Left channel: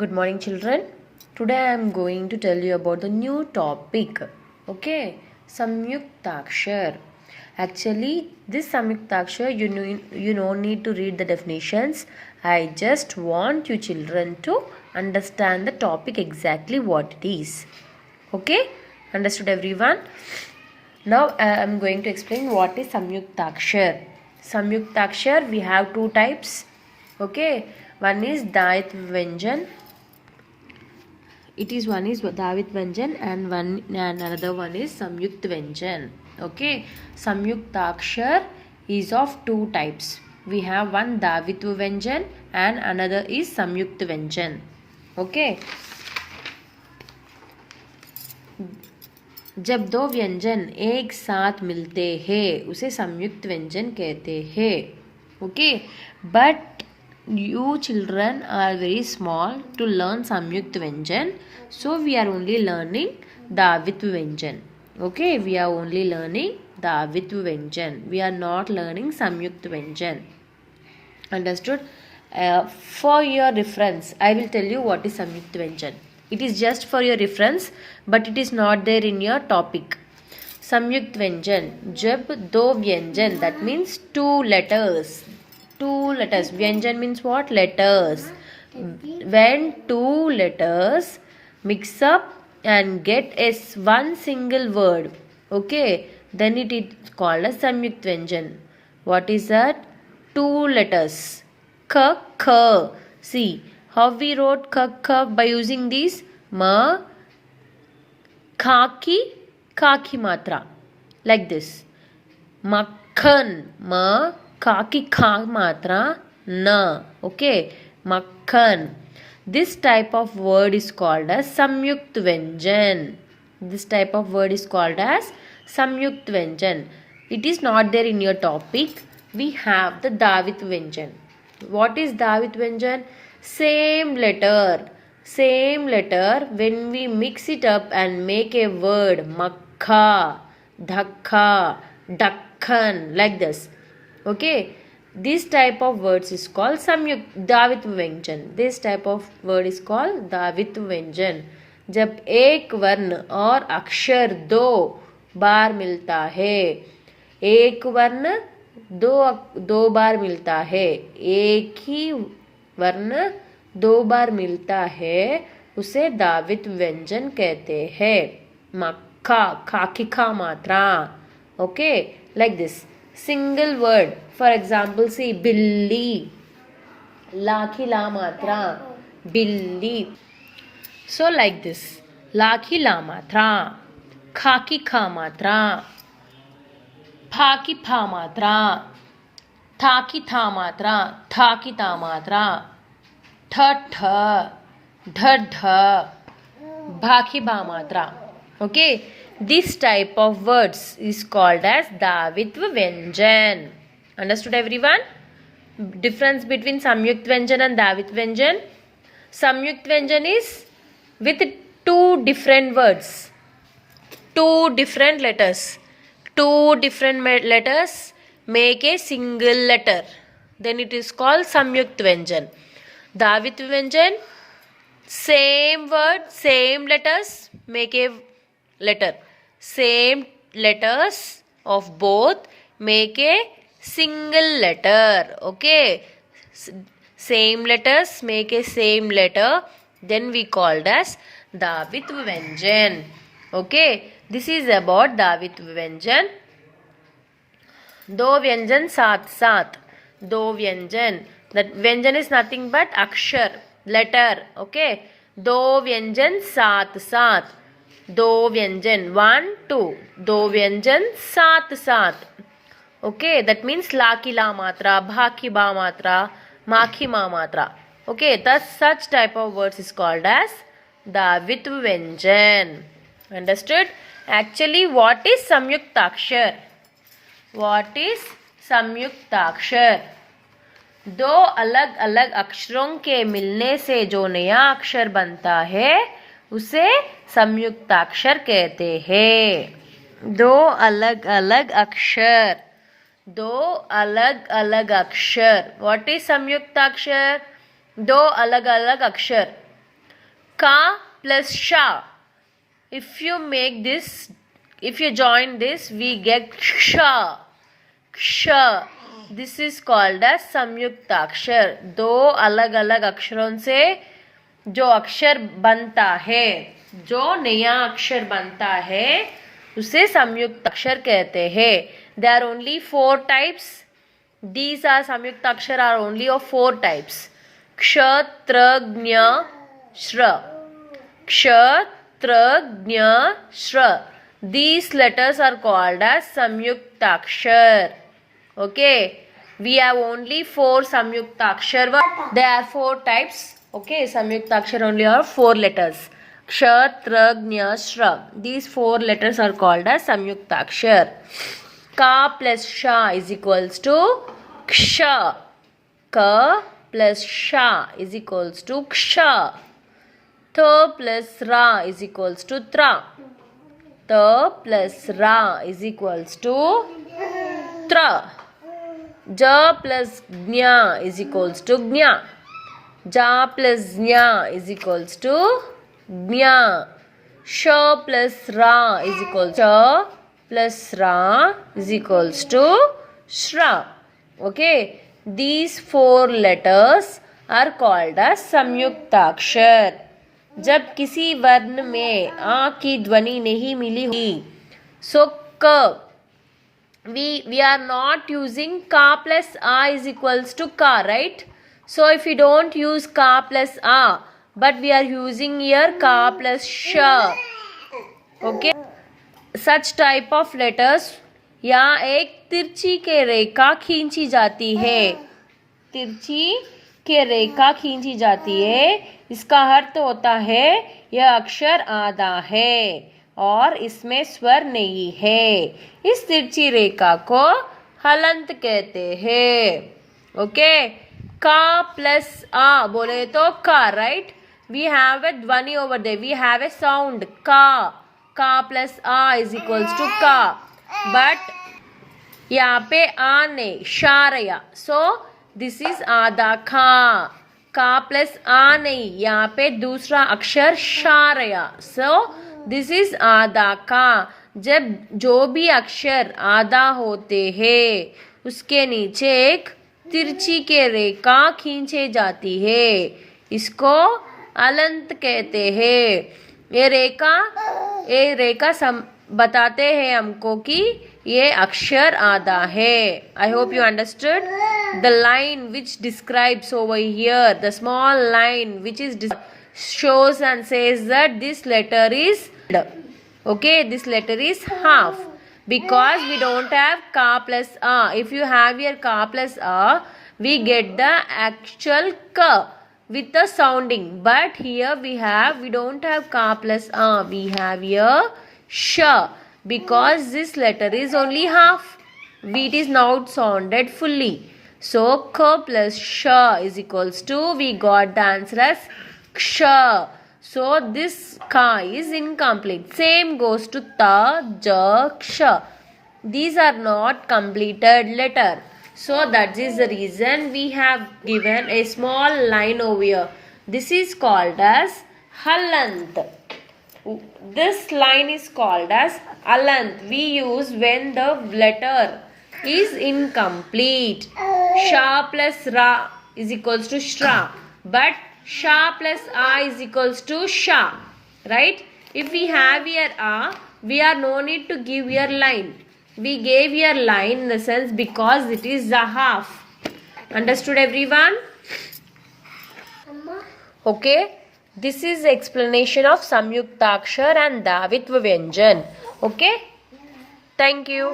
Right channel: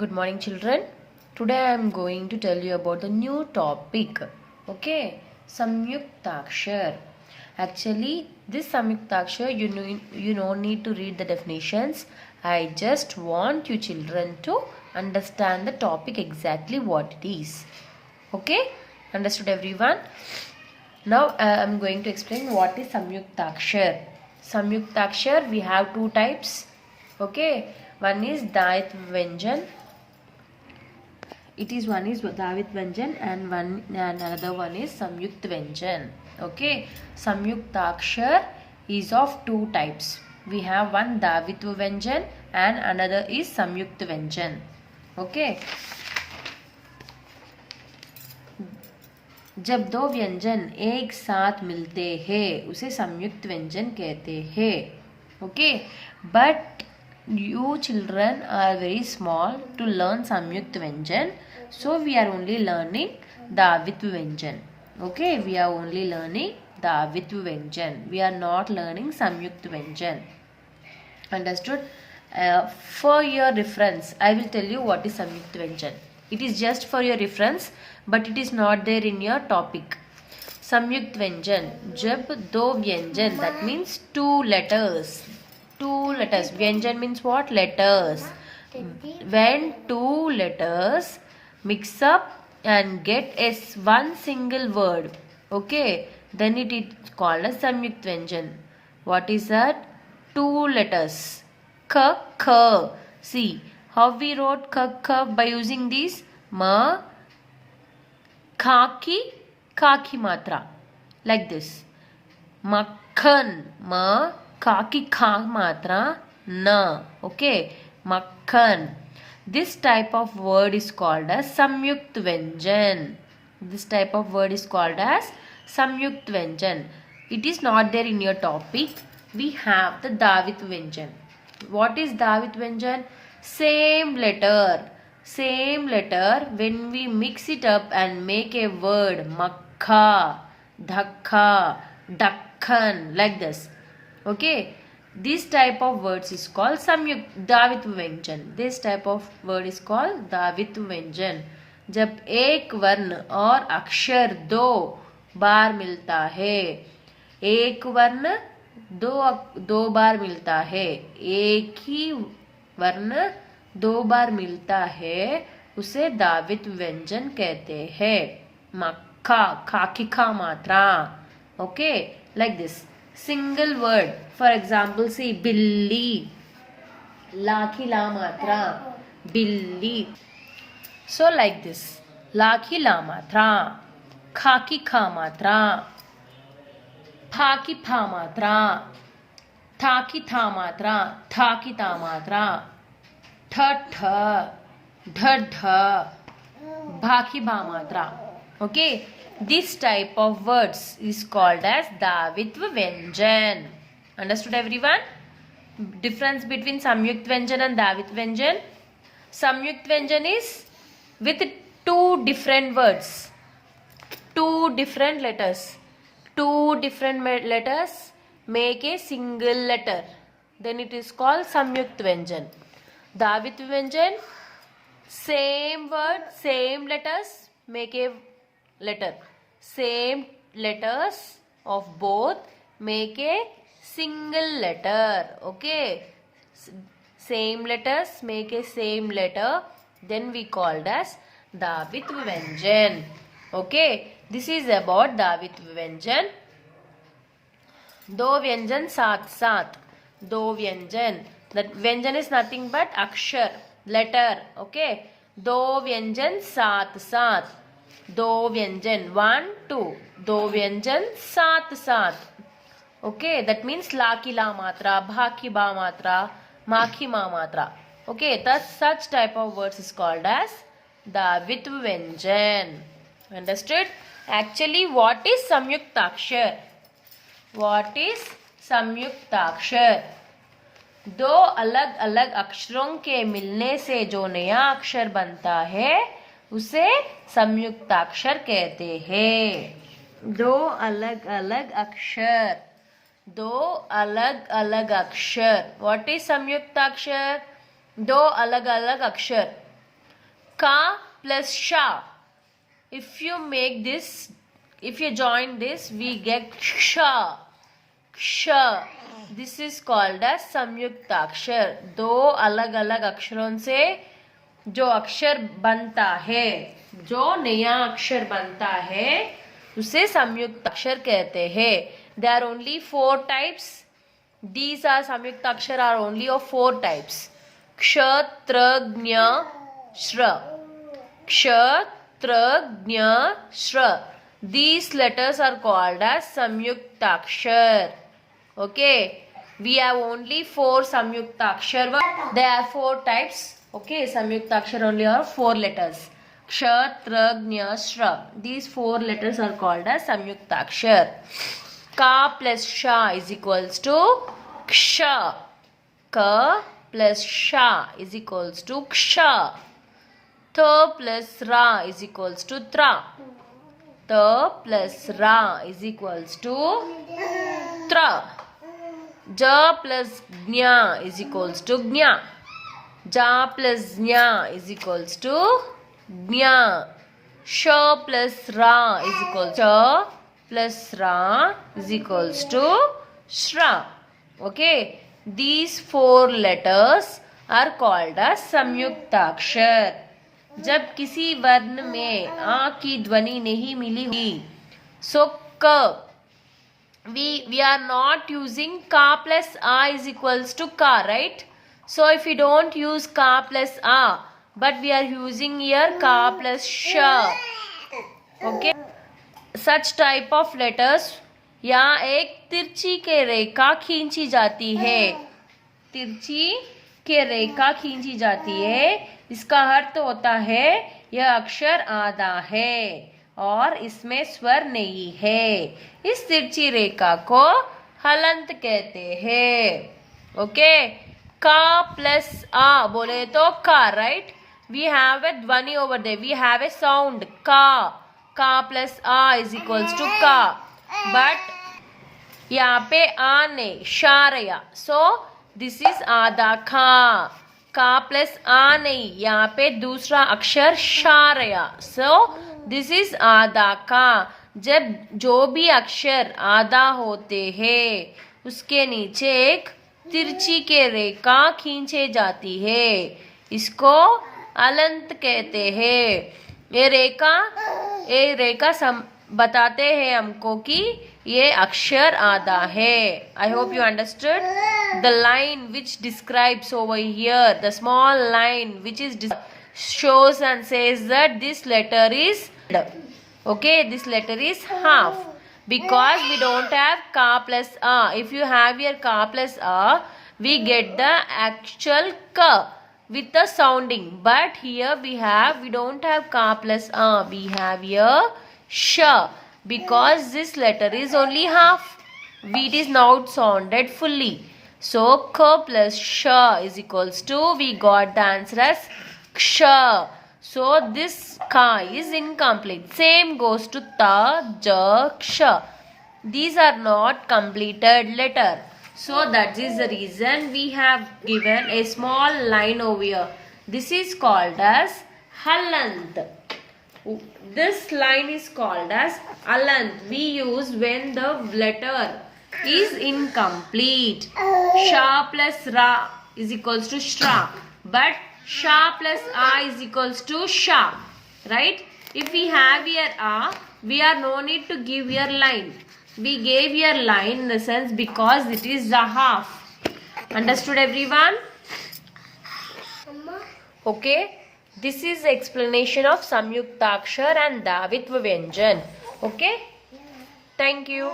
Good morning, children. Today I am going to tell you about the new topic. Okay, Samyuktakshar. Actually, this Samyuktakshar, you don't need to read the definitions. I just want you children to understand the topic exactly what it is. Okay, understood everyone? Now I am going to explain what is Samyuktakshar. Samyuktakshar, we have two types. Okay, one is Daitva Vyanjan. One is Davit Vyanjan and another one is Samyukt Vyanjan. Okay, Samyuktakshar is of two types. We have one Davitva Vyanjan and another is Samyukt Vyanjan. Okay. जब दो व्यंजन एक साथ मिलते हैं उसे संयुक्त व्यंजन कहते हैं. Okay, but you children are very small to learn Samyukt Vyanjan, so we are only learning Davitva Vyanjan. Okay, we are only learning Davitva Vyanjan. We are not learning Samyukt Vyanjan. Understood? For your reference, I will tell you what is Samyukt Vyanjan. It is just for your reference, but it is not there in your topic. Samyukt Vyanjan, जब दो व्यंजन, that means two letters. Two letters. Vyanjan means what? Letters. When two letters mix up and get one single word, okay, then it is called as Samyukt Vyanjan. What is that? Two letters. K, K. See how we wrote K, K by using these? Ma, Khaki, Khaki matra. Like this. Makhan, Ma, Khaki Kha matra na. Okay, Makhan. This type of word is called as Samyukt Vyanjan. This type of word is called as Samyukt Vyanjan. It is not there in your topic. We have the Davit Vyanjan. What is Davit Vyanjan? Same letter. Same letter. When we mix it up and make a word, Makha, Dhakha, Dakhan, like this. Okay, this type of words is called Davit Vyanjan. This type of word is called Davit Vyanjan. जब एक वर्ण और अक्षर दो बार मिलता है, एक वर्ण दो बार मिलता है, एक ही वर्ण दो बार मिलता है, उसे दावित व्यंजन कहते हैं. मक्खा, खाकी खा मात्रा. Okay, like this. Single word. For example, see billi. Lakhi la matra. Billi. So like this. Lakhi la matra. Khaki kha matra. Phaki pha matra. Thaki tha matra. Thaki ta matra. Tha tha. Dha dha. Bhaki bha matra. Okay. This type of words is called as Davitva Vyanjan. Understood everyone? Difference between Samyukt Vyanjan and Davit Vyanjan. Samyukt Vyanjan is with two different words. Two different letters. Two different letters make a single letter. Then it is called Samyukt Vyanjan. Davit Vyanjan, same word, same letters make a letter. Same letters of both make a single letter. Okay, same letters make a same letter, then we called as Davitva Vyanjan. Okay, this is about Davitva Vyanjan. दो व्यंजन साथ साथ. दो व्यंजन, that व्यंजन is nothing but akshar, letter. Okay, दो व्यंजन साथ साथ. दो व्यंजन, 1 2. दो व्यंजन साथ साथ. Okay, that means ला की ला मात्रा, भा की बा मात्रा, मा की मा मात्रा. Okay, thus such type of words is called as Davitva Vyanjan. Understood? Actually, what is Samyuktakshar? What is Samyuktakshar? दो अलग अलग अक्षरों के मिलने से जो नया अक्षर बनता है उसे संयुक्ताक्षर कहते हैं. दो अलग अलग अक्षर. दो अलग अलग अक्षर. व्हाट इज संयुक्ताक्षर? दो अलग अलग अक्षर. Ka plus sha. If you make this, if you join this, we get ksha. Ksha. This is called as संयुक्ताक्षर. दो अलग अलग अक्षरों से जो अक्षर बनता है, जो नया अक्षर बनता है, उसे संयुक्ताक्षर कहते हैं. There are only 4 types. These are संयुक्ताक्षर are only of 4 types. क्ष, त्र, ज्ञ, श्र. क्ष, त्र, ज्ञ, श्र. These letters are called as samyuktakshar. Okay, we have only 4 samyuktakshar. There are 4 types. Okay, samyuktakshar only have 4 letters. Ksha, tra, gnya, shra. These 4 letters are called as samyuktakshar. Ka plus sha is equals to ksha. Ka plus sha is equals to ksha. Tha plus ra is equals to tra. Ta plus ra is equals to tra. Ja plus gnya is equals to gnya. Ja plus gnya is equals to gnya. Sha plus ra is equals to sha plus ra is equals to shra. Okay, these 4 letters are called as samyuktakshar. जब किसी वर्ण में आ की ध्वनि नहीं मिली हुई, so क, we are not using ka plus a is equals to ka, right? So if we don't use ka plus a, but we are using here ka plus sha. Okay, such type of letters, यहाँ एक तिरछी के रेखा खींची जाती है. तिरछी के रेखा खींची जाती है. इसका अर्थ होता है यह अक्षर आधा है और इसमें स्वर नहीं है. इस तिरछी रेखा को हलंत कहते हैं. ओके, का प्लस आ बोले तो का, राइट? वी हैव ए ध्वनि over there, we have a sound का. का प्लस आ इज इक्वल्स टू का, बट यहाँ पे आ ने शारया, सो दिस इज आधा खा. का प्लस आ नहीं, यहाँ पे दूसरा अक्षर शारया, सो दिस इज आधा का. जब जो भी अक्षर आधा होते हैं उसके नीचे एक तिरछी के रेखा खींचे जाती है. इसको अलंत कहते हैं. ये रेखा बताते हैं हमको कि ये अक्षर आधा है. I hope you understood. The line which describes over here, the small line which is shows and says that this letter is, okay, this letter is half, because we don't have ka plus a. If you have here ka plus a, we get the actual ka with the sounding, but here we don't have ka plus a, we have here sha, because this letter is only half. It is not sounded fully. So k plus sha is equals to, we got the answer as ksha. So this ka is incomplete. Same goes to ta, ja, ksha. These are not completed letter. So that is the reason we have given a small line over here. This is called as halant. This line is called as halant. We use when the letter is incomplete. Sha plus ra is equals to shra, but sha plus a is equals to sha, right? If we have here a, we are no need to give here line. We gave here line in the sense because it is the half. Understood everyone? Okay, this is the explanation of samyuktakshar and davitva vyanjan. Okay, thank you.